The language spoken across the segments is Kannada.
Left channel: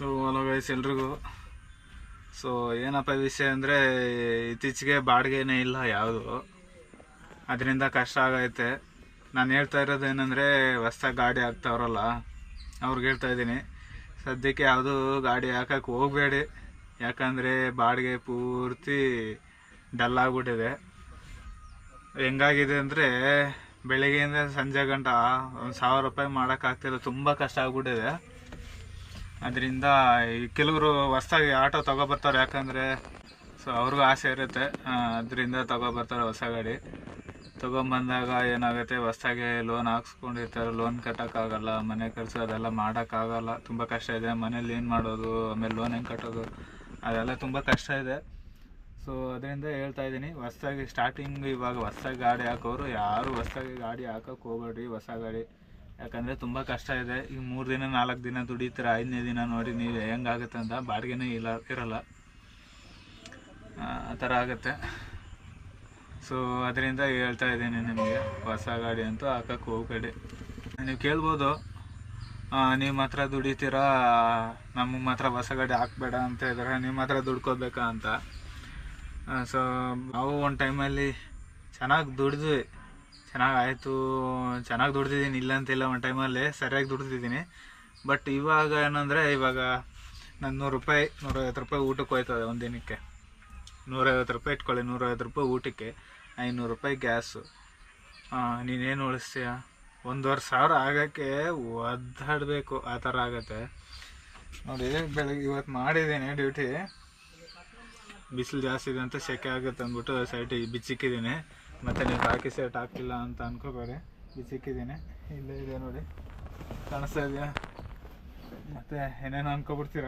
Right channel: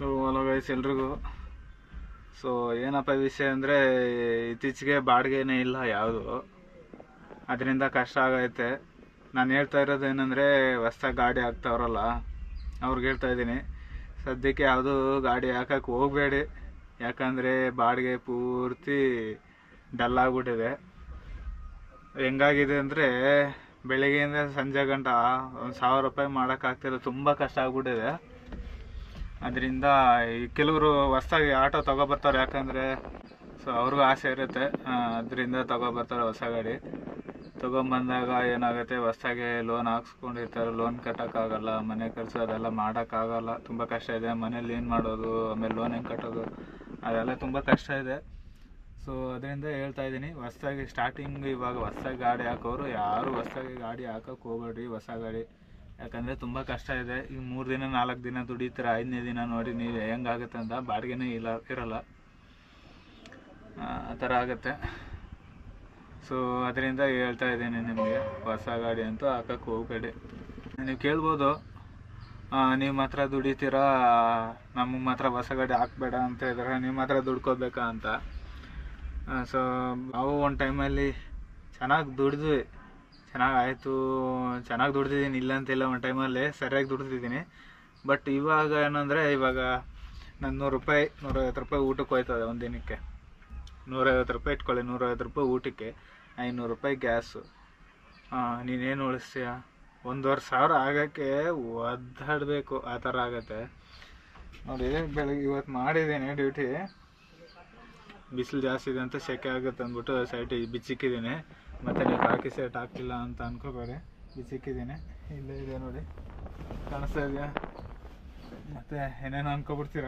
ಸೊ ಹಲೋ ಗೈಸ್ ಎಲ್ರಿಗೂ. ಸೊ ಏನಪ್ಪ ವಿಷಯ ಅಂದರೆ, ಇತ್ತೀಚೆಗೆ ಬಾಡಿಗೆನೇ ಇಲ್ಲ ಯಾವುದು. ಅದರಿಂದ ಕಷ್ಟ ಆಗೈತೆ. ನಾನು ಹೇಳ್ತಾ ಇರೋದು ಏನಂದರೆ ಹೊಸ್ದಾಗಿ ಗಾಡಿ ಹಾಕ್ತಾವ್ರಲ್ಲ, ಅವ್ರಿಗೆ ಹೇಳ್ತಾ ಇದ್ದೀನಿ. ಸದ್ಯಕ್ಕೆ ಯಾವುದು ಗಾಡಿ ಹಾಕಕ್ಕೆ ಹೋಗಬೇಡಿ. ಯಾಕಂದರೆ ಬಾಡಿಗೆ ಪೂರ್ತಿ ಡಲ್ ಆಗಿಬಿಟ್ಟಿದೆ. ಹೆಂಗಾಗಿದೆ ಅಂದರೆ, ಬೆಳಗ್ಗೆಯಿಂದ ಸಂಜೆ ಗಂಟ ಒಂದು ಸಾವಿರ ರೂಪಾಯಿ ಮಾಡೋಕ್ಕಾಗ್ತಿಲ್ಲ ತುಂಬ ಕಷ್ಟ ಆಗ್ಬಿಟ್ಟಿದೆ. ಅದರಿಂದ ಕೆಲವರು ಹೊಸ್ದಾಗಿ ಆಟೋ ತಗೊಬರ್ತಾರೆ ಯಾಕಂದರೆ ಸೊ ಅವ್ರಿಗೂ ಆಸೆ ಇರುತ್ತೆ. ಅದರಿಂದ ತಗೊಬರ್ತಾರೆ ಹೊಸ ಗಾಡಿ. ತೊಗೊಂಬಂದಾಗ ಏನಾಗುತ್ತೆ, ಹೊಸ್ದಾಗಿ ಲೋನ್ ಹಾಕ್ಸ್ಕೊಂಡಿರ್ತಾರೆ ಲೋನ್ ಕಟ್ಟೋಕ್ಕಾಗಲ್ಲ, ಮನೆ ಖರ್ಚು ಅದೆಲ್ಲ ಮಾಡೋಕ್ಕಾಗಲ್ಲ, ತುಂಬ ಕಷ್ಟ ಇದೆ. ಮನೇಲಿ ಏನು ಮಾಡೋದು, ಆಮೇಲೆ ಲೋನ್ ಹೆಂಗೆ ಕಟ್ಟೋದು, ಅದೆಲ್ಲ ತುಂಬ ಕಷ್ಟ ಇದೆ. ಸೊ ಅದರಿಂದ ಹೇಳ್ತಾ ಇದ್ದೀನಿ, ಹೊಸ್ದಾಗಿ ಸ್ಟಾರ್ಟಿಂಗ್ ಇವಾಗ ಹೊಸ್ದಾಗಿ ಗಾಡಿ ಹಾಕೋರು ಯಾರು ಹೊಸ್ದಾಗಿ ಗಾಡಿ ಹಾಕೋಕೆ ಹೋಗ್ಬೇಡ್ರಿ, ಹೊಸ ಗಾಡಿ. ಯಾಕಂದರೆ ತುಂಬ ಕಷ್ಟ ಇದೆ. ಈಗ ಮೂರು ದಿನ, ನಾಲ್ಕು ದಿನ ದುಡಿತೀರ, ಐದನೇ ದಿನ ನೋಡಿ ನೀವು ಹೆಂಗಾಗುತ್ತೆ ಅಂತ ಬಾಡಿಗೆನೇ ಇಲ್ಲ, ಇರಲ್ಲ. ಆ ಥರ ಆಗುತ್ತೆ. ಸೊ ಅದರಿಂದ ಹೇಳ್ತಾ ಇದ್ದೀನಿ ನಿಮಗೆ, ಹೊಸ ಗಾಡಿ ಅಂತೂ ಹಾಕಕ್ಕೆ ಹೋಗಬೇಡಿ. ನೀವು ಕೇಳ್ಬೋದು ನೀವು ಮಾತ್ರ ದುಡಿತೀರಾ, ನಮಗೆ ಮಾತ್ರ ಹೊಸ ಗಾಡಿ ಹಾಕ್ಬೇಡ ಅಂತ ಇದ್ದಾರೆ ನೀವು ಮಾತ್ರ ದುಡ್ಕೋಬೇಕಾ ಅಂತ. ಸೊ ನಾವು ಒಂದು ಟೈಮಲ್ಲಿ ಚೆನ್ನಾಗಿ ದುಡಿದ್ವಿ. ಚೆನ್ನಾಗಿ ಆಯಿತು ಚೆನ್ನಾಗಿ ದುಡ್ದಿದ್ದೀನಿ ಇಲ್ಲ ಅಂತಿಲ್ಲ ಒಂದು ಟೈಮಲ್ಲಿ ಸರಿಯಾಗಿ ದುಡ್ದಿದ್ದೀನಿ. ಬಟ್ ಇವಾಗ ಏನಂದರೆ, ಇವಾಗ ನಾನು ನೂರು ರೂಪಾಯಿ ನೂರೈವತ್ತು ರೂಪಾಯಿ ಊಟಕ್ಕೆ ಹೋಯ್ತದೆ ಒಂದು ದಿನಕ್ಕೆ. ನೂರೈವತ್ತು ರೂಪಾಯಿ ಇಟ್ಕೊಳ್ಳಿ ನೂರೈವತ್ತು ರೂಪಾಯಿ ಊಟಕ್ಕೆ, ಐನೂರು ರೂಪಾಯಿ ಗ್ಯಾಸು. ನೀನೇನು ಉಳಿಸ್ತೀಯ? ಒಂದೂವರೆ ಸಾವಿರ ಆಗೋಕ್ಕೆ ಒದ್ದಾಡಬೇಕು, ಆ ಥರ ಆಗುತ್ತೆ. ನೋಡಿ, ಬೆಳಗ್ಗೆ ಇವತ್ತು ಮಾಡಿದ್ದೀನಿ ಡ್ಯೂಟಿ ಬಿಸಿಲು ಜಾಸ್ತಿ ಇದೆ ಅಂತ ಸೆಕೆ ಆಗುತ್ತೆ ಅಂದ್ಬಿಟ್ಟು ಸೈಟಿಗೆ ಬಿಚ್ಚಿಕ್ಕಿದ್ದೀನಿ. ಮತ್ತು ನೀವು ಹಾಕಿ ಸೆಟ್ ಹಾಕಿಲ್ಲ ಅಂತ ಅನ್ಕೋಬೇಡಿ. ಬಿಚ್ಚಿಕ್ಕಿದ್ದೀನಿ ಇಲ್ಲೇ ಇದೆ ನೋಡಿ. ಕಾಣಿಸ್ತಾ ಇದೆಯಾ? ಮತ್ತು ಏನೇನೋ ಅನ್ಕೊಬಿಡ್ತೀರ?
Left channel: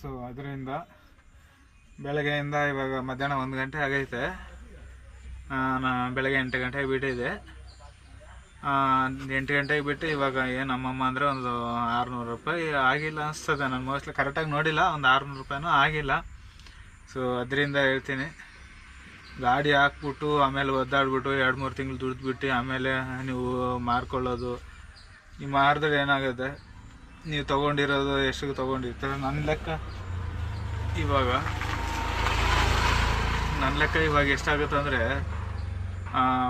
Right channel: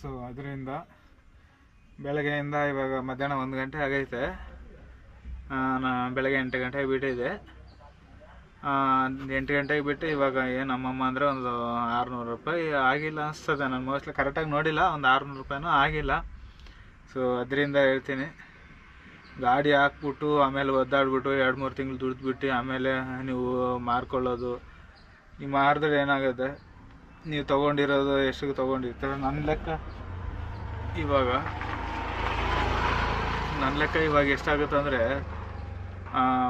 ಸೊ ಅದರಿಂದ ಬೆಳಗ್ಗೆಯಿಂದ ಇವಾಗ ಮಧ್ಯಾಹ್ನ ಒಂದು ಗಂಟೆ ಆಗೈತೆ. ನಾನು ಬೆಳಗ್ಗೆ ಎಂಟು ಗಂಟೆಗೆ ಬಿಟ್ಟಿದೆ ಎಂಟು ಗಂಟೆಗೆ ಬಿಟ್ಟು ಇವಾಗ ಏನು ನಮ್ಮಮ್ಮ ಅಂದರೆ ಒಂದು ಆರುನೂರು ರೂಪಾಯಿ ಆಗಿಲ್ಲ ಅನಿಸ್ತದೆ. ನಾನು ಮೋಸ್ಟ್ಲಿ ಕರೆಕ್ಟಾಗಿ ನೋಡಿಲ್ಲ. ಒಂದು ಆರುನೂರು ರೂಪಾಯಿನೂ ಆಗಿಲ್ಲ. ಸೊ ಅದರಿಂದ ಹೇಳ್ತೀನಿ. ಗಾಡಿ ಹಾಕ್ಬಿಟ್ಟು, ಆಮೇಲೆ ಒದ್ದಾಡ್ಬಿಟ್ಟು, ಎರಡು ಮೂರು ತಿಂಗಳು ದುಡಿದ್ಬಿಟ್ಟು, ಆಮೇಲೆ ನೀವು ಮಾರ್ಕೊಳ್ಳೋದು. ನೀವು ಮಾರಿದ್ರೆ ಏನಾಗುತ್ತೆ? ನೀವು ತೊಗೊಂಡಿರೋದು ಎಷ್ಟಿಗೆ ತೊಗೊಂಡಿರ್ತಾರೆ? ನನ್ನ ಲೆಕ್ಕ ಇವಾಗ ನನ್ನ ಲೆಕ್ಕ ಇವಾಗ ಎಷ್ಟಾಗುತ್ತೆ ಅಂದರೆ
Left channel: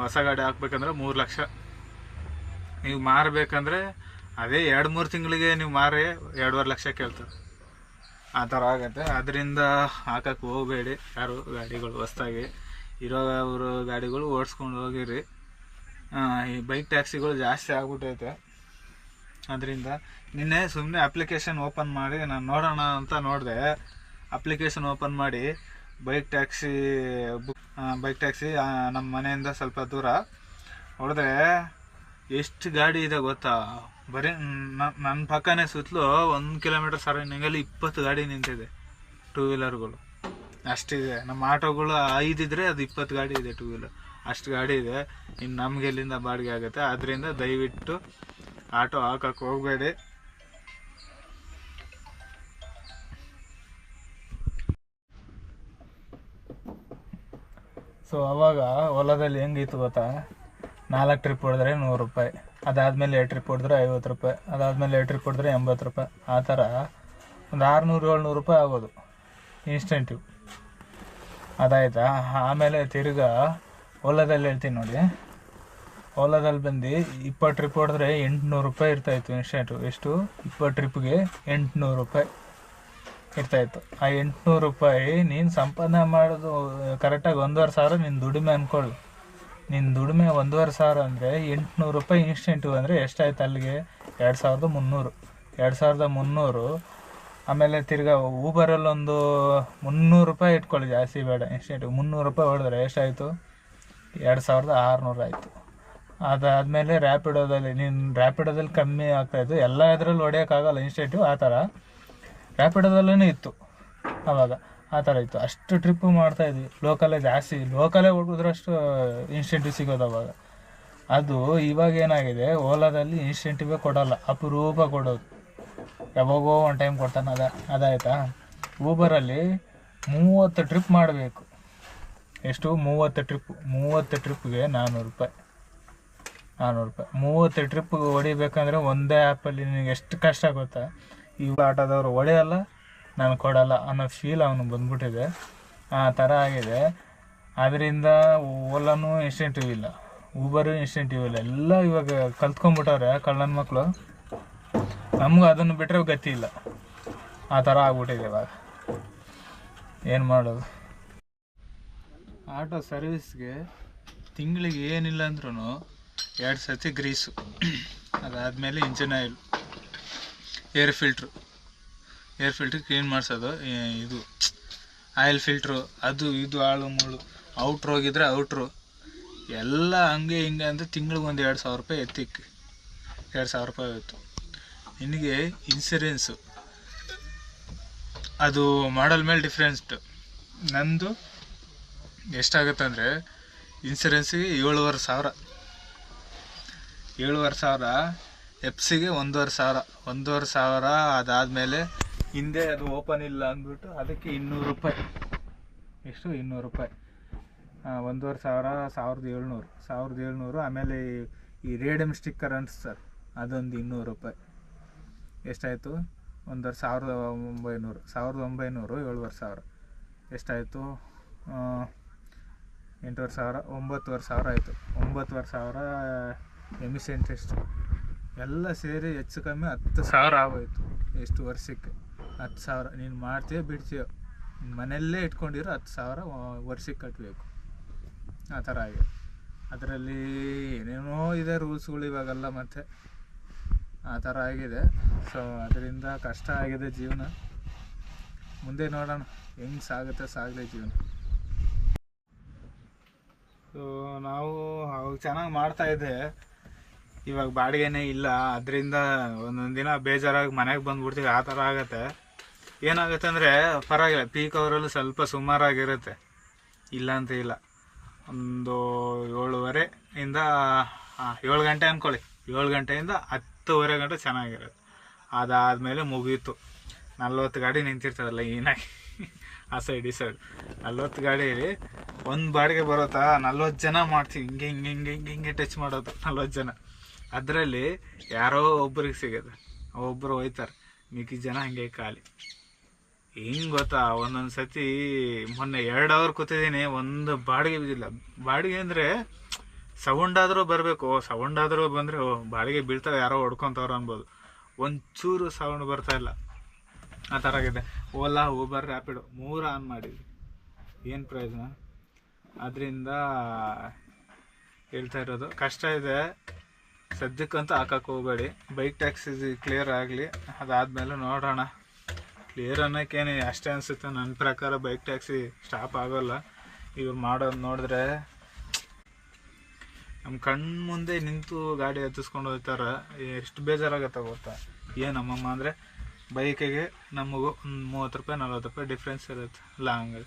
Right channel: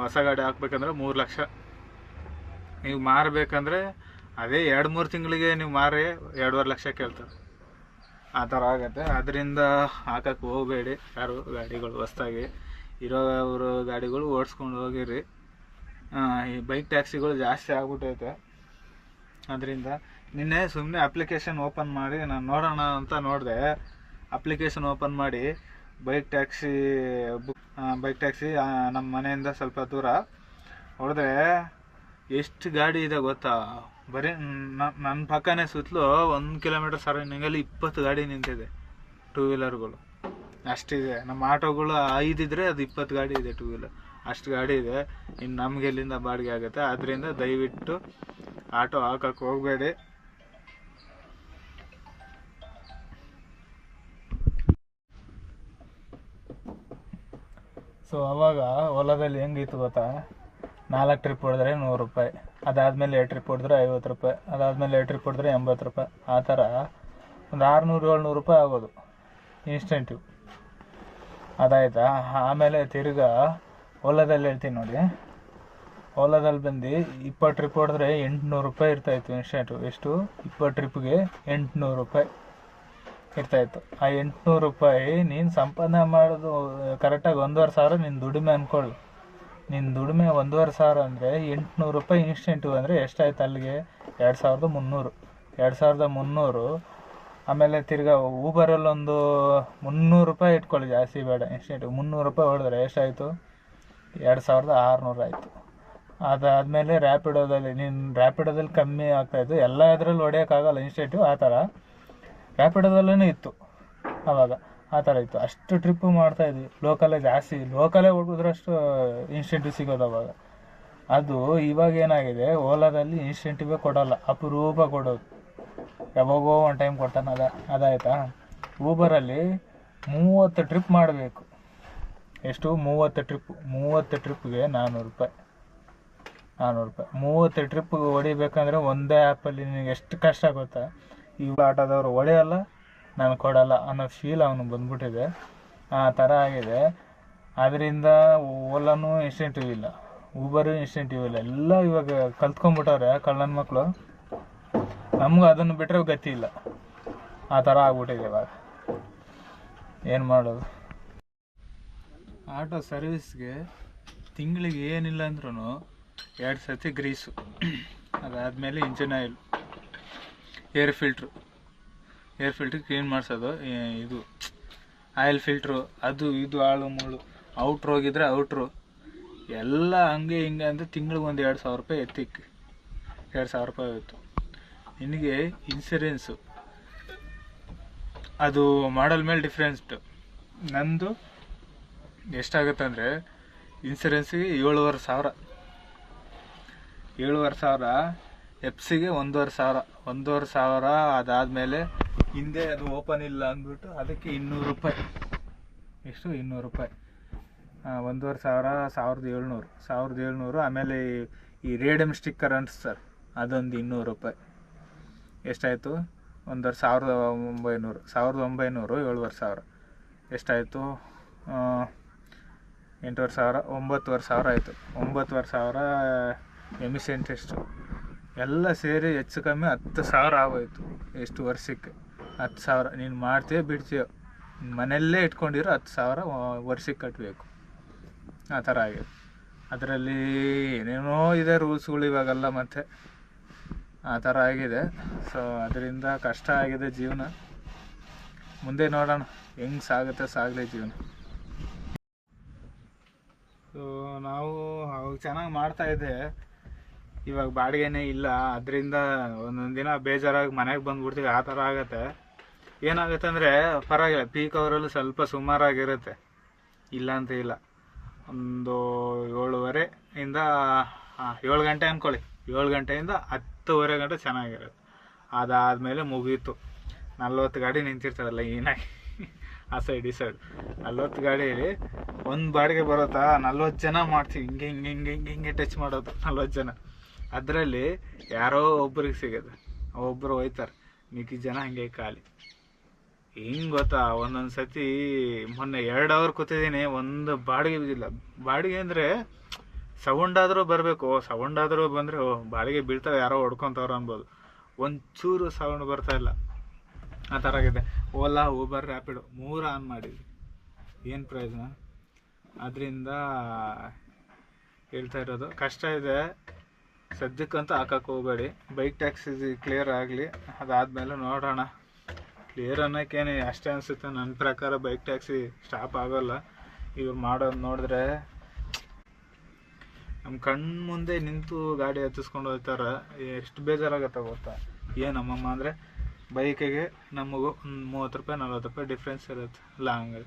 ಹೊಸ ಗಾಡಿ ಹಾಕ್ಬೇಕಂದ್ರೆ ಮೂರು ಲಕ್ಷ. ನೀವು ಮಾರಬೇಕಂದ್ರೆ ಅದೇ ಎರಡು ಮೂರು ತಿಂಗಳಿಗೆ ನೀವು ಮಾರಿ, ಎರಡೂವರೆ ಲಕ್ಷ ಕೇಳ್ತಾರೆ. ಆ ಥರ ಆಗುತ್ತೆ. ಅದರಿಂದ ಹಾಕಕ್ಕೆ ಹೋಗಬೇಡಿ ಯಾರು ಗಾಡಿಗಳು ಹೊಸ್ದಾಗಿ. ಇರೋ ಅವರು ಗಾಡಿಗಳು ಓಡಿಸ್ಕೊಂಡು ಹೋಗಿರಿ. ಈ ಬೈಕ್ ಟ್ಯಾಕ್ಸಿಗಳು ಜಾಸ್ತಿ ಆಗ್ಬಿಟ್ಟೈತೆ. ಅದರಿಂದ ನಿನ್ನೆ ಸುಮ್ಮನೆ ಅಪ್ಲಿಕೇಶನ್ ಓಪನ್ ಮಾಡಿ ನಾನು ನೋಡೋಣ ಅಂತ ನೋಡಿದೆ. ಅಪ್ಲಿಕೇಶನ್ ಓಪನ್ ಮಾಡಿ bike taxi book bike taxi ನಮ್ಮ ಮನೆಯಿಂದ ಸ್ವಲ್ಪ ದೂರ ಹೊಡೆದ್ರೆ ಎಷ್ಟು ಗಾಡಿ ಇದೆ ಗೊತ್ತಾ? ಬರೀ ನನ್ನ ಪಕ್ಕನೇ ಸುತ್ತಲೂ ಒಂದು ಕಿಲೋಮೀಟರ್ ಸರೌಂಡಿಂಗಲ್ಲಿ ಇಪ್ಪತ್ತು ಗಾಡಿ ನಿಂತಿದೆ. ಟೂ ವೀಲರ್ಗಳು ಅಷ್ಟಿದೆ. ನಮ್ಮ ಆಟೋಗಳು ಐದಿದ್ರೆ ಅದು ಇಪ್ಪತ್ತು ಗಾಡಿ ಇದೆ ಟೂ ವೀಲರ್ ಅಷ್ಟು ಗಾಡಿ ಇದೆ. ಇನ್ನು ನಮ್ಗೆ ಎಲ್ಲಿಂದ ಬಾಡಿಗೆ ಆಗುತ್ತೆ? ಅದರಿಂದ ದಯವಿಟ್ಟು ಆಟೋ ಹಾಕಕ್ಕೆ ಹೋಗಬೇಡಿ. ಸೊ ಅವಾಗ ಹೊಲದಲ್ಲಿ ಹೆಂಗಿತ್ತು ಗೊತ್ತಾ? ನಾಲ್ಕು ಟ್ರಿಪ್ ಹೊಡೆದ್ರೆ ನೂರು ರೂಪಾಯಿ. ಅದಾದಮೇಲೆ ಎರಡು ಟ್ರಿಪ್ ಹೊಡೆದ್ರೆ ಐವತ್ತು ರೂಪಾಯಿ. ಅದಾದಮೇಲೆ ಎರಡು ಟ್ರಿಪ್ ಹೊಡೆದ್ರೆ ಎಂಬತ್ತು ರೂಪಾಯಿ. ಆ ಥರ ಒಂದು ಆರುನೂರು ಏಳ್ನೂರು ರೂಪಾಯಿ ಆಗೋದು. ಇನ್ಸ್ಟೆಂಟಿವ್ ಅದಾಯ್ತಾ? ಆಮೇಲೆ ತಿರ್ಗಾ ಓಲಾದಲ್ಲಿ ಹೇಳ್ತೀನಿ ನೋಡಿ. ಓಲಾದಲ್ಲಿ ಬಂದು ಇಪ್ಪತ್ತು ಟ್ರಿಪ್ ಹೊಡೆದ್ರೆ ಎಂಟುನೂರು ರೂಪಾಯಿ ಇರ್ತಾಯಿತ್ತು ಇನ್ಸ್ಟೆಂಟು. ಎಷ್ಟು? ಇಪ್ಪತ್ತು ಟ್ರಿಪ್ಗೆ ಎಂಟುನೂರು ರೂಪಾಯಿ ಇರ್ತಾಯಿತ್ತು ಆ ಎಂಟುನೂರು ರೂಪಾಯಿ ನೀನು ಸಂಪಾದನೆ ಮಾಡೋದು ಕರೆಕ್ಟಾಗಿ ಒಂದೂವರೆ ಸಾವಿರ ನಿನ್ನ ದುಡಿಮೆ ಅಂದ್ಕೊಳ್ಳಿ ನಿನ್ನ ದುಡಿಮೆ ಒಂದೂವರೆ ಸಾವಿರ ಅಂದರೆ ಎಂಟುನೂರು ರೂಪಾಯಿ ಇನ್ಸ್ಟೆಂಟು ಅಂದರೆ ಎಷ್ಟಾಯ್ತು ಅಲ್ಲಿಗೆ? ಎರಡು ಸಾವಿರದ ಮುನ್ನೂರು. ಎರಡು ಸಾವಿರದ ಮುನ್ನೂರು ಆಮೇಲೆ ತಿರ್ಗಾ ಊಬರಲ್ಲೊಂದು ಮುನ್ನೂರು ರೂಪಾಯಿ ಇಟ್ಕೊಳ್ಳಿ ಜಾಸ್ತಿ ಬೇಡ. ಎಷ್ಟು ಮುನ್ನೂರು ರೂಪಾಯಿ ಹೊಡೆದ್ರೆ ಎಷ್ಟಾಯಿತು? ಎರಡು ಸಾವಿರದ ಆರುನೂರು ಆಯಿತು. ಅದಾದಮೇಲೆ ರ್ಯಾಪಿಡೋದಲ್ಲಿ ನೀನು ರ್ಯಾಪಿಡೋದಲ್ಲಿ ಕಮ್ಮಿ ಆಗ್ತಾಯಿತ್ತು ಎಲ್ಲ ಇದರಲ್ಲಿ ಹೊಡೆಯೋಕ್ಕಾಗಲ್ಲ ಇನ್ಸ್ಟೆಂಟಿವ್ ಆ ಥರ. ರ್ಯಾಪಿಡೋದಲ್ಲೂ ಇತ್ತು. ಆವಾಗ ಆ ಥರ ಇತ್ತು. ಅಷ್ಟು ಟ್ರಿಪ್ಪು ಮಾಡ್ತಾಯಿದ್ವಿ ಲೋಕಲೇ ಜಾಸ್ತಿ. ಲೋಕಲೇ ಹುಡುಗಿದ್ರಷ್ಟು ಇನ್ಸ್ಟೆಂಟಿವ್ ಸಿಗೋದು ಅವಾಗ. ಅದು ಇವಾಗ ಏನಾಗಿದೆ? ಓಲಾದಲ್ಲಿ ಇನ್ಸ್ಟೆಂಟಿವೇ ಕೊಡೋಲ್ಲ. ಅಪರೂಪ ಕೊಡೋದು. ಯಾವಾಗೋ ಒಂದು ಟೈಮ್ ಕೊಡ್ತಾನೆ. ಅದ, ಅದಾಯ್ತಾ? ಊಬರಲ್ಲಿ ಮೂವತ್ತು ಟ್ರಿಪ್ ಮಾಡಬೇಕು. ಎಷ್ಟು? ಮೂವತ್ತು ಟ್ರಿಪ್ ಮೂವತ್ತು ಟ್ರಿಪ್ಗೆ ನಾನ್ನೂರು ರೂಪಾಯಿ. ನಾನ್ನೂರು ರೂಪಾಯಿ. ಮೂವತ್ತು ಟ್ರಿಪ್ ಹೊಡಿಬೇಕಂದ್ರೆ ಒಂದೇ ಆ್ಯಪಲ್ಲಿ ನಿನಗೆ ಎಷ್ಟು ಕಷ್ಟ ಗೊತ್ತಾ? ಈ ಆಟೋದವ್ರು ಹೊಡೆಯಲ್ಲ, ನಾನು ಕೊಡಲ್ಲ ಅನ್ನೋ ಫೀಲ್ ಅವನು ಬಂದ್ಬಿಟ್ಟಿದೆ. ಆ ಥರ ಆಗಿದೆ. ಅದರಿಂದ ಓಲಾನು ಇನ್ಸ್ಟೆಂಟಿವ್ ಇಲ್ಲ. ಊಬರು ಇನ್ಸ್ಟೆಂಟಿವ್ ಇಲ್ಲ. ಎಲ್ಲ ಇವಾಗ ಕಲ್ತ್ಕೊಂಡ್ಬಿಟ್ಟವ್ರೆ ಕಳ್ಳನ ಮಕ್ಕಳು ನಮಗೂ ಅದನ್ನು ಬಿಟ್ಟರೆ ಗತಿ ಇಲ್ಲ. ಆ ಥರ ಆಗ್ಬಿಟ್ಟಿದೆ ಇವಾಗ. ಏನು ಮಾಡೋದು? ಆಟೋ ಸರ್ವಿಸ್ಗೆ ತಿಂಗಳಿಗೆ ಏನಿಲ್ಲ ಅಂದ್ರೂ ಎರಡು ಸತಿ ಗ್ರೀಸು. ಅದಾದಮೇಲೆ engine oil, air filter. Air filter clean ಮಾಡಿಸೋದು ಇದು ಆಯಿಲ್ ಫಿಲ್ಟ್ರು, ಅದು, ಇದು, ಆಳು, ಮುಳು, ಔಟ್ರ್ ಹೋಗಿದ್ರೆ ಔಟ್ರು. ಎಲ್ಲ ಹಂಗೆ ಹಿಂಗೆ ಅಂದರೆ ತಿಂಗ್ಳಿಗೆ ಒಂದು ಎರಡು ಸಾವಿರ ರೂಪಾಯಿ ಎತ್ತಿಕ್ಕೆ ಎರಡು ಸಾವಿರ ರೂಪಾಯಿ ಹೋಯ್ತು. ನಿನಗೆ ಇನ್ಸೂರೆನ್ಸು ಅದು ಮಾಡಲ್ ಮೇಲೆ ಡಿಫ್ರೆನ್ಸ್ಡ್ ನಂದು ಎಷ್ಟಾಗುತ್ತೆ ಅಂದರೆ ಇನ್ಸೂರೆನ್ಸಿಗೆ ಏಳುವರೆ ಸಾವಿರ. ಏಳುವರೆ ಸಾವಿರ ಎಪ್ಸಿಗೆ ಒಂದೂವರೆ ಸಾವಿರ. ಒಂದೂವರೆ ಸಾವಿರ ಅದಾದಮೇಲೆ ಹಿಂದೆ ಅದು ಓಪನ್ ಇಲ್ಲ ಅಂದ್ಬಿಟ್ಟು ಅದಕ್ಕೆ ಇನ್ನೂರು ರೂಪಾಯಿ. ಎಷ್ಟು? ಇನ್ನೂರು ರೂಪಾಯಿ. ಒಂದೂವರೆ ಸಾವಿರ, ಸಾವಿರದ ಏಳ್ನೂರು. ಸಾವಿರದ ಏಳ್ನೂರು, ಆಮೇಲೆ ಈ- ರೇಡಿಯಮ್ ಸ್ಟಿಕ್ಕರ್ ಸರ್, ಅದೊಂದು ಇನ್ನೂರು ರೂಪಾಯಿ. ಎಷ್ಟಾಯಿತು? ಒಂದರ ಸಾವಿರದ ಒಂಬೈನೂರು ಸಾವಿರದ ಒಂಬೈನೂರು ಏಳುವರೆ ಸಾವಿರ. ಎಷ್ಟಾಯಿತು? ಎಂಟೂವರೆ ಸಾವಿರ, ಒಂಬತ್ತುವರೆ ಸಾವಿರ ಆಯಿತು. ಒಂಬತ್ತುವರೆ ಸಾವಿರ ಎಮಿಷನ್ ಟೆಸ್ಟು. ಎಲ್ಲ ಸೇರಿ ಹೆಚ್ಚು ಕಮ್ಮಿ ಹತ್ತು ಸಾವಿರ ಆಗೋಯ್ತು ಎಷ್ಟು ವರ್ಷಕ್ಕೆ. ಹತ್ತು ಸಾವಿರ, ನೀನು ಮಾಡ್ತೀಯೋ ಬಿಡ್ತೀಯೋ ಮನೆಯಲ್ಲೇ ಇಟ್ಕೊಂಡಿರೋ ಹತ್ತು ಸಾವಿರ ವರ್ಷಕ್ಕೆ ಕಟ್ಟಬೇಕು ಆ ಥರ ಆಗಿದೆ. ಅದರಲ್ಲಿ ಏನೇನೋ ಇದೆ ರೂಲ್ಸ್ಗಳು ಇವಾಗೆಲ್ಲ ಮತ್ತೆ. ಆ ಥರ ಆಗಿದೆ. ಸೊ ಅದರಿಂದ ಕಷ್ಟ ಆಗಿದೆ ಜೀವನ. ಮುಂದೆ ನೋಡೋಣ ಹೆಂಗ್ ಸಾಗುತ್ತೆ ಸಾಗಲಿ ಜೀವನ. ಸೊ ನಾವು ಅವಾಗ ಚೆನ್ನಾಗಿ ಮಾಡ್ತಾ ಇದ್ದೆ. ಇವಾಗ ಬಾಡಿಗೆನೇ ಇಲ್ಲ. ಅದರಿಂದ ಒಂದೊಂದು ದಿನ ಬೇಜಾರಾಗಿ ಮನೆಗೆ ಬಂದ್ಬಿಡ್ತೀವಿ. ಆ ಥರ ಆಗುತ್ತೆ. ಏನಾಗುತ್ತೆ ಅಂದರೆ ಪರವಾಗಿಲ್ಲ. ಪೀಕ್ ಅವರಲ್ಲೂ ಸ್ವಲ್ಪ ಸುಮಾರಾಗಿರುತ್ತೆ. ಇಲ್ಲ ಅಂತ ಇಲ್ಲ. ಒಂದು ಏಳುವರೆ ಇಂದ ಆ, ಏಳು ಗಂಟೆ ಅಂದ್ಕೊಳ್ಳಿ ಏಳು ಗಂಟೆಯಿಂದ ಹತ್ತುವರೆ ಗಂಟೆ ಚೆನ್ನಾಗಿರುತ್ತೆ. ಅದಾದಮೇಲೆ ಮುಗೀತು. ನಲ್ವತ್ತು ಗಾಡಿ ನಿಂತಿರ್ತದಲ್ಲ ಏನಾಗಿ? ಆ ಸೈಡ್ ಈ ಸೈಡ್ ನಲ್ವತ್ತು ಗಾಡೀಲಿ ಒಂದು ಬಾಡಿಗೆ ಬರುತ್ತಾ ನಲ್ವತ್ತು ಜನ ಮಾಡ್ತೀವಿ. ಹಿಂಗೆ ಹಿಂಗೆ ಹಿಂಗೆ ಹಿಂಗೆ ಹಿಂಗೆ ಟಚ್ ಮಾಡೋದು ನಲ್ವತ್ತು ಜನ. ಅದರಲ್ಲಿ ಯಾರೋ ಒಬ್ರಿಗೆ ಸಿಗೋದು ಒಬ್ಬರು ಹೋಯ್ತಾರೆ. ಮಿಕ್ಕಿ ಜನ ಹಂಗೆ ಖಾಲಿ. ಹಿಂಗೆ ಗೊತ್ತಾ? ಒಂದೊಂದು ಸತಿ ಮೊನ್ನೆ ಎರಡು ಅವರ್ ಕೂತಿದ್ದೀನಿ, ಒಂದು ಬಾಡಿಗೆ ಬಿದ್ದಿಲ್ಲ. ಬಾಡಿಗೆ ಅಂದರೆ ಸೌಂಡ್ ಆದರೂ ಬರಬೇಕು ಸೌಂಡ್ ಆದರೂ ಬಂದರೆ, ಓ ಬಾಡಿಗೆ ಬೀಳ್ತಾರೆ ಯಾರೋ ಹೊಡ್ಕೊತವ್ರು ಅನ್ಬೋದು. ಒಂಚೂರು ಸೌಂಡ್ ಬರ್ತಾ ಇಲ್ಲ. ಆ ಥರ ಆಗಿದೆ. ಓಲಾ, ಊಬರ್, ರ್ಯಾಪಿಡು, ಮೂರು ಆನ್ ಮಾಡಿದ್ವಿ. ಏನು ಪ್ರಯೋಜನ? ಅದರಿಂದ ಹೇಳ್ತಾ ಇರೋದು, ಕಷ್ಟ ಇದೆ. ಸದ್ಯಕ್ಕಂತೂ ಹಾಕಕ್ಕೆ ಹೋಗಬೇಡಿ. ಬೈಕ್ ಟ್ಯಾಕ್ಸಿ ಕ್ಲಿಯರ್ ಆಗಲಿ. ಅದಾದಮೇಲೆ ನೋಡೋಣ. ಕ್ಲಿಯರ್ ಅನ್ನೋಕ್ಕೇನೆ ಅಷ್ಟೇ ಅನಿಸುತ್ತೆ. ನನ್ನ ಪ್ರಕಾರ ಬೈಕ್ ಟ್ಯಾಕ್ಸಿ ಸ್ಟಾಪ್ ಆಗೋಲ್ಲ. ಇವ್ರು ಮಾಡೋದು ನೋಡಿದ್ರೆ ನಮ್ಮ ಕಣ್ಣು ಮುಂದೆ ನಿಂತು ಗಾಡಿ ಹತ್ತಿಸ್ಕೊಂಡು ಹೋಗ್ತಾರೆ ಎಷ್ಟು ಬೇಜಾರಾಗತ್ತೆ ಗೊತ್ತಾ? ಏನಮ್ಮಮ್ಮ ನಮ್ಮಮ್ಮ ಅಂದರೆ ಬೈಕಿಗೆ ನಮಗೂ ಒಂದು ಮೂವತ್ತು ರೂಪಾಯಿ, ನಲ್ವತ್ತು ರೂಪಾಯಿ ಡಿಫ್ರೆನ್ಸ್ ಇರುತ್ತೆ ಲಾಂಗ್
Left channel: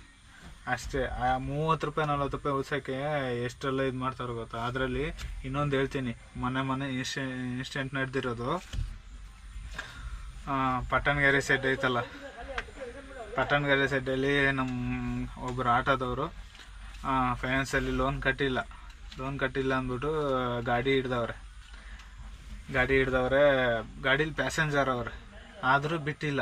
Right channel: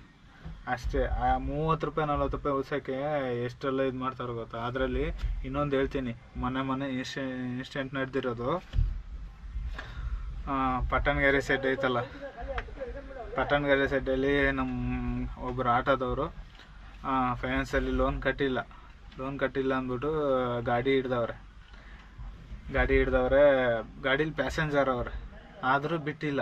ಅಷ್ಟೇ, ಆ ಮೂವತ್ತು ರೂಪಾಯಿ, ನಲ್ವತ್ತು ರೂಪಾಯಿ ಉಳ್ಸೋಕ್ಕೆ ಎಷ್ಟೆಲ್ಲ ಇದು ಮಾಡ್ತಾರೆ ಗೊತ್ತಾ? ಅದರಲ್ಲಿ ಇನ್ನೊಂದು ಹೇಳ್ತೀನಿ ಮೊನ್ನೆ ಮೊನ್ನೆ ಇನ್ಸ್ಟೆ ಇನ್ಸ್ಟೆಂಟ್ ನಡೆದಿರೋದು ಪಟ್ಟಣಗೆರೆ ಸೆಡ್ ಐತಲ್ಲ? ಪಟ್ಟಣಗೆರೆ ಸೆಡ್ಡಲ್ಲಿ ನಮ್ಮ ಒಬ್ಬರು ಆಟೋದವರು ಫೈನಾನ್ಸಲ್ಲಿ ಲೋನ್ ಕಟ್ಟಿಲ್ಲ. ಲೋನ್ ಕಟ್ಟಿಲ್ಲ ಅಂದ್ಬಿಟ್ಟು, ಗಾಡಿ ಹಿಡ್ದವ್ರೆ. ಗಾಡಿ ಹಿಡ್ದವ್ರೆ, ಗಾಡೀಲಿ ಪ್ಯಾಸೆಂಜರ್ ಅವ್ರೆ. ಆದರೂ ಬಿಟ್ಟಿಲ್ಲ.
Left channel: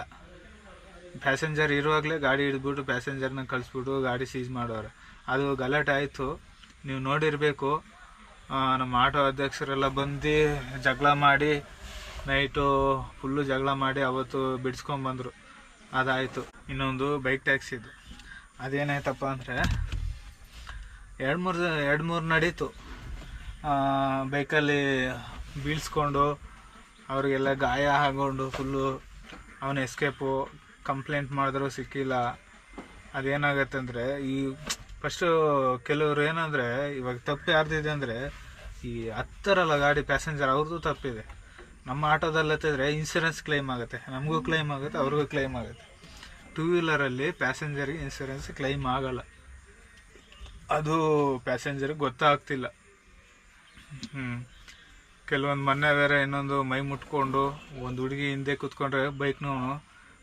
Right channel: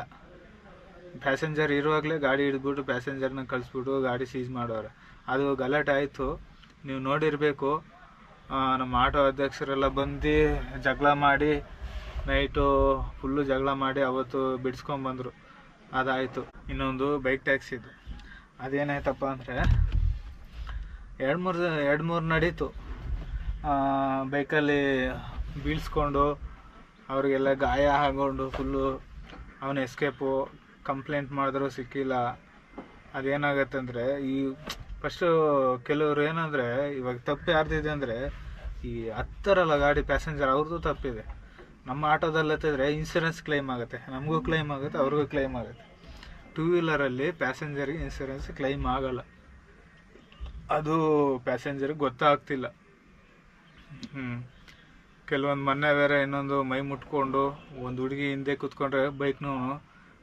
ಪ್ಯಾಸೆಂಜರ್ ಇರುವಾಗಲೇ ಗಾಡಿ ಹಿಡಿದ್ಬಿಟ್ಟು ಪ್ಯಾಸೆಂಜರ್ನ ಕಳಿಸ್ಬಿಟ್ಟು ಗಾಡಿ ಸೀಸ್ ಮಾಡೋರೆ ಅದು ಗಲಾಟೆ ಆಯಿತು. ನೀವು ನೋಡಿರಬೇಕು. ನಮ್ಮ ಆಟೋ ಅಧ್ಯಕ್ಷರೆಲ್ಲ ಬಂದು ಜಗಳ ಮಾಡಿ, ನೈಟು ಫುಲ್ಲು ಜಗಳ ಮಾಡಿ ಅವತ್ತು ಬಿಡಿಸ್ಕೊಂಬಂದರು. ಅದಾಯಿತು. ಇನ್ನೊಂದು ಬೈಕ್ ಟ್ಯಾಕ್ಸಿದು ಅದೇನಾಯ್ತಪ್ಪ ಅಂದರೆ ಎರಡು ಮೂರು ಎರಡು ಮೂರು ನಡೀತು. ಬೈಕಲ್ಲಿ ಬೀಳ್ಸ್ಕೊಂಡು ಅವರಿಗೆಲ್ಲ ಗಾಯ ಆಗೊಂಡು ಫುಲ್ಲು ಅವನ ಎಸ್ಕೇಪು ಕಂಪ್ಲೇಂಟ್ ಮಾಡಿದ್ರು ಸಿಕ್ಕಿಲ್ಲ. ಅದೇನಾಗತ್ತೆ ಅಂದರೆ ಈ ಫಸ್ಟು ಕೆಲವರು ಏನಂದರೆ, ಇವಾಗ ತಪ್ಪು ಯಾರ್ದಿದೆ ಅಂದರೆ ಈ ಹತ್ತರಲ್ಲ ಗಾಡಿ ಪ್ಯಾಸೆಂಜರ್ ಅವ್ರದ್ದು ತಪ್ಪಿದೆ. ನಮ್ಮ ಆಟೋದಲ್ಲಿ ಹತ್ತಿದ್ರೆ ಇನ್ಸೂರೆನ್ಸ್ ಕ್ಲೈಮ್ ಆಗುತ್ತೆ. ನಮಗೂ ಕ್ಲೈಮ್ ಆಗುತ್ತೆ, ಅವ್ರಿಗೂ ಕ್ಲೈಮ್ ಆಗುತ್ತೆ. ಟೂ ವೀಲರಲ್ಲಿ ಪ್ಯಾಸೆಂಜರಿಗೆ ಇನ್ಸೂರೆನ್ಸ್ ಕ್ಲೈಮ್ ಆಗಲ್ಲ. ಅದು ಪ್ಯಾಸೆಂಜರ್ಗೆ ಗೊತ್ತಾಗ್ತಿಲ್ಲ. ಹ್ಞೂ ಕೆಲವೊಂದು ಮೊನ್ನೆ ಬೇರೆ ಇನ್ನೊಂದು ಮೈ ಮುಟ್ಕೊಂಡು ಒಂದು ಹುಡುಗಿ ಹಿಂದೆ ಕೂತ್ಕೊಂಡ್ರೆ ಬೈಕ್ನೂ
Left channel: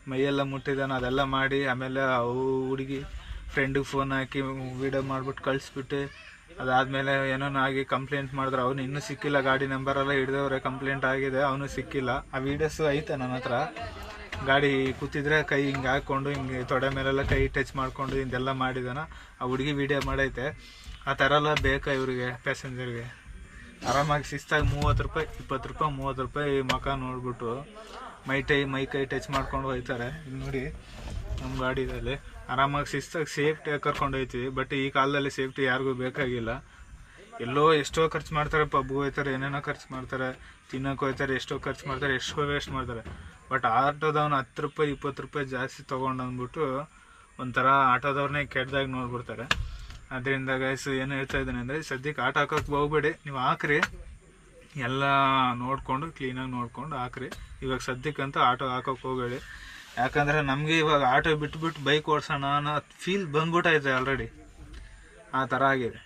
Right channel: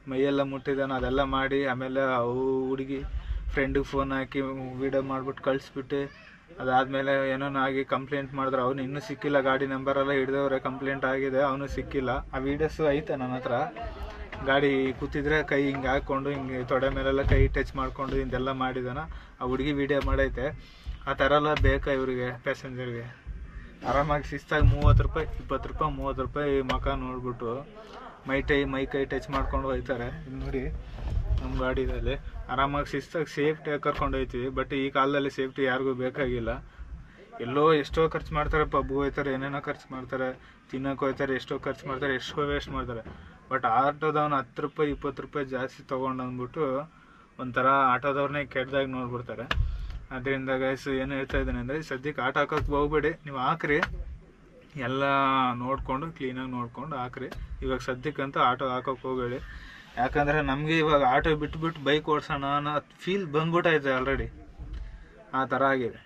ಮೈಯೆಲ್ಲ ಮುಟ್ಟಿದ್ದಾನೆ ಅದೆಲ್ಲ ಮಾಡಿ ಆಮೇಲೆ ಅವು ಹುಡುಗಿ ಫ್ರೆಂಡಿಗೆ ಫೋನ್ ಹಾಕಿ ವೀಡಿಯೋ ಮಾಡಿಬಿಟ್ಟು ಕಳಿಸ್ಬಿಟ್ಟು ಅದಾದಮೇಲೆ ಏನೋ ಆಗಿ ಕಂಪ್ಲೇಂಟ್ ಮಾಡಿದ್ರೆ. ಅವನು ಇನ್ನೂ ಸಿಕ್ಕಿಲ್ಲ, ಗಾಡಿ ನಂಬರೆಲ್ಲ ಹಿಡ್ದವ್ರೆ ಕಂಪ್ಲೇಂಟ್ ಆಗಿದೆ, ಅವನು ಸಿಕ್ಕಿಲ್ಲ. ಆ ವೀಡಿಯೋಸು ಐತೆ ನನ್ನ ಹತ್ರ. ಗಾಡಿ ಕೂತಿದ್ರೆ ಕೈ ಹಿಂಗೆ ಹಾಕ್ಕೊಂಡು ಹಿಂಗೆ ತೊಡೆ ಮೇಲೆಲ್ಲ ಕೈ ಟಚ್ ಮಾಡಿಕೊಂಡು ಹಿಂದೆಲ್ಲ ಮಾಡಿದಾನ. ಆ ಹುಡುಗಿ ವಿಡಿಯೋ ಮಾಡೈತೆ. ಆ ಥರ ಎಲ್ಲ ಬೇಕಾ ಇವರಿಗೆ ಪ್ಯಾಸೆಂಜರ್ಗೆ ಆರಾಮಾಗಿ ಶಿಸ್ತಾಗಿ ಮೂವತ್ತು ರೂಪಾಯಿ, ಇಪ್ಪತ್ತು ರೂಪಾಯಿ, ಮೂವತ್ತು ರೂಪಾಯಿ ಮಕ ನೋಡ್ಬಿಟ್ಟು ಮೈ ಟೈ, ಮೈ ಕೈ ಟಚ್ ಮಾಡ್ಕೊಂಡು ಹೋಗ್ತಾರೆ. ನೋಡಿ ನಮ್ಮ ಗಾಡಿದಲ್ಲಿ. ಆರಾಮಾಗಿ ಶಿಸ್ತಾಗಿ ಸೇಫ್ಟಿಯಾಗಿ ಕರ್ಕೊಂಡು ಹೋಗ್ತೀವಿ ಬಟ್ ಈ ಕಾಲದಲ್ಲಿ ಸೇಫ್ಟಿ ಯಾರಿಗೂ ಬೇಕಾಗಿಲ್ಲ. ಎಲ್ಲೋ ಎಷ್ಟೋ ಖರ್ಚು ಮಾಡ್ತಾರೆ ಪಬ್ಗೆ ಹೋಗ್ತಾರೆ, ಏನೇನೋ ಖರ್ಚು ಮಾಡ್ತಾರೆ, ತಿನ್ನೋಕೆ ಹೋಗ್ತಾರೆ, ಎಷ್ಟೋ ಖರ್ಚು ಮಾಡ್ತಾರೆ, ಎಷ್ಟೋ ವೇಸ್ಟ್ ಮಾಡ್ತಾರೆ. ಬಟ್ ಆಟೋದವ್ನು ಹತ್ತು ರೂಪಾಯಿ, ಇಪ್ಪತ್ತು ರೂಪಾಯಿ ಜಾಸ್ತಿ ತೊಗೊಂಡು ಅಂದ್ಬಿಟ್ಟು ಒಂಥರ ಆಟೋದವ್ರನ್ನೇ ಕೆಟ್ಟದಾಗಿ ನೋಡ್ಬಿಡ್ತಾರೆ. ಅದರಿಂದ ಗೈಸ್ ಏನು ಹೇಳ್ತಾ ಇದ್ದೀನಿ ಅಂದರೆ ಸದ್ಯಕ್ಕೆ ಆಟೋ ಹಾಕೋಕ್ಕೆ ಹೋಗ್ಬೇಡಿ. ನೀವು ಹಾಕ್ರಿ. ಎಲ್ಲ ನೋಡಿಕೊಂಡು ಕ್ಲೀನಾಗಿ ನೋಡ್ಕೊಂಡು ಹಾಕ್ರಿ. ಇವಾಗ ಸದ್ಯಕ್ಕಂತೂ ಆಟೋ ಹಾಕೋಕೆ ಹೋಗಬೇಡಿ. ಯಾಕಂದರೆ ನಮಗೆ ಇವಾಗ ಆಟೋ ಬಿಟ್ಬಿಟ್ಟು ಬೈಕ್ ಓಡಿಸೋಣ ಅನ್ನೋ ಫೀಲ್ ಬಂದ್ಬಿಟ್ಟೈತೆ ಆಲ್ರೆಡಿ ಆ ಥರ ಆಗಿದೆ.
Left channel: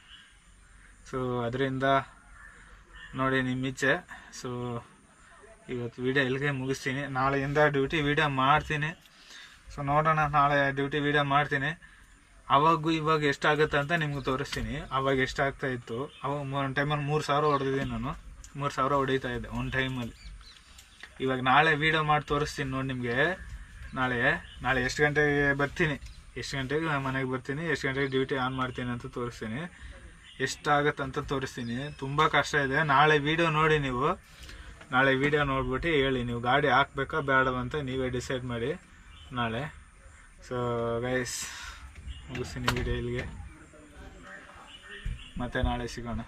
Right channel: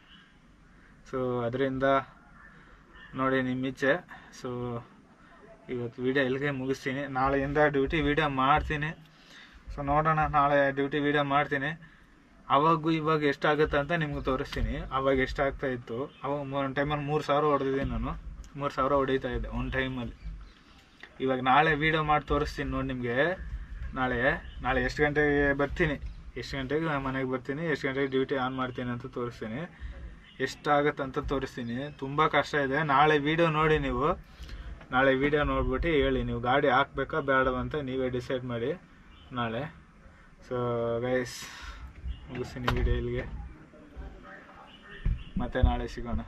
ಸೊ ಅದರಿಂದ ನೋಡಿ ನಿಮ್ಮ ಇಚ್ಛೆ ಸೊ ಇವತ್ತು ವೀಡಿಯೋ ಇಲ್ಲಿಗೆ ಮುಗಿಸ್ತೀನಿ. ನಾಳೆಯಿಂದ ಡ್ಯೂಟಿ ವೀಡಿಯೋ ಮಾಡ್ತೀನಿ. ಸೊ ನೋಡೋಣ, ನಾಳೆ ಡ್ಯೂಟಿ ವೀಡಿಯೋ ಮಾಡ್ತೀನಿ. ಅವಾಗೂ ಇವಾಗ ಎಷ್ಟಾಗುತ್ತೆ ಅಂತ ನಿಮ್ಗೆ ತೋರಿಸ್ತೀನಿ. ಅವಾಗ ಎಷ್ಟಾಗ್ತಾ ಇತ್ತು? ಅವಾಗ ಒಂದು ಟೈಮಲ್ಲಿ ಮೂರು ಸಾವಿರ ಹೊಡೆದಿದ್ದೀನಿ ನಾನು. ಮೂರು ಸಾವಿರ ಹೊಡಿತಾ ಇದ್ದೆ, ಒಂದು ಟೈಮಲ್ಲಿ ಇವಾಗ ನಾಳೆ ವೀಡಿಯೋ ಮಾಡಿ ತೋರಿಸ್ತೀನಿ ನೋಡಿ ನಿಮಗೆ. ನಾಳೆ ನಾಳೆ ಎಷ್ಟು ಗಂಟೆಗೆ ಬರ್ತೀನಿ? ಎಷ್ಟು ಗಂಟೆಗೆ ಮನೆಗೆ ಬರ್ತೀನಿ? ಎಷ್ಟು ಗಂಟೆಗೆ ಡ್ಯೂಟಿ ಆನ್ ಮಾಡ್ತೀನಿ ಅಂತ ತೋರಿಸ್ತೀನಿ. ಎಷ್ಟಾಗತ್ತೆ ಅಂತ ತೋರಿಸ್ತೀನಿ. ತುಂಬ ಕಷ್ಟ ಇದೆ. ನಾಳೆ ವೀಡಿಯೋ ನೋಡಿ ನೀವು. ನಾಳೆ ವಿಡಿಯೋ ನೋಡ್ಬಿಟ್ಟು ಹೇಳಿ, ನೀವು ಗಾಡಿ ಹಾಕ್ಬೇಕಾ ಬೇಡವಂತ ನೀವೇ ಡಿಸೈಡ್ ಮಾಡಿ ನಾಳೆ. ಸೊ ಗೈಸ್ ಮುಗಿಸ್ತೀನಿ ವಿಡಿಯೋ ಇಲ್ಲಿಗೆ. ಮತ್ತೆ ನಾಳೆ ಸಿಗೋಣ.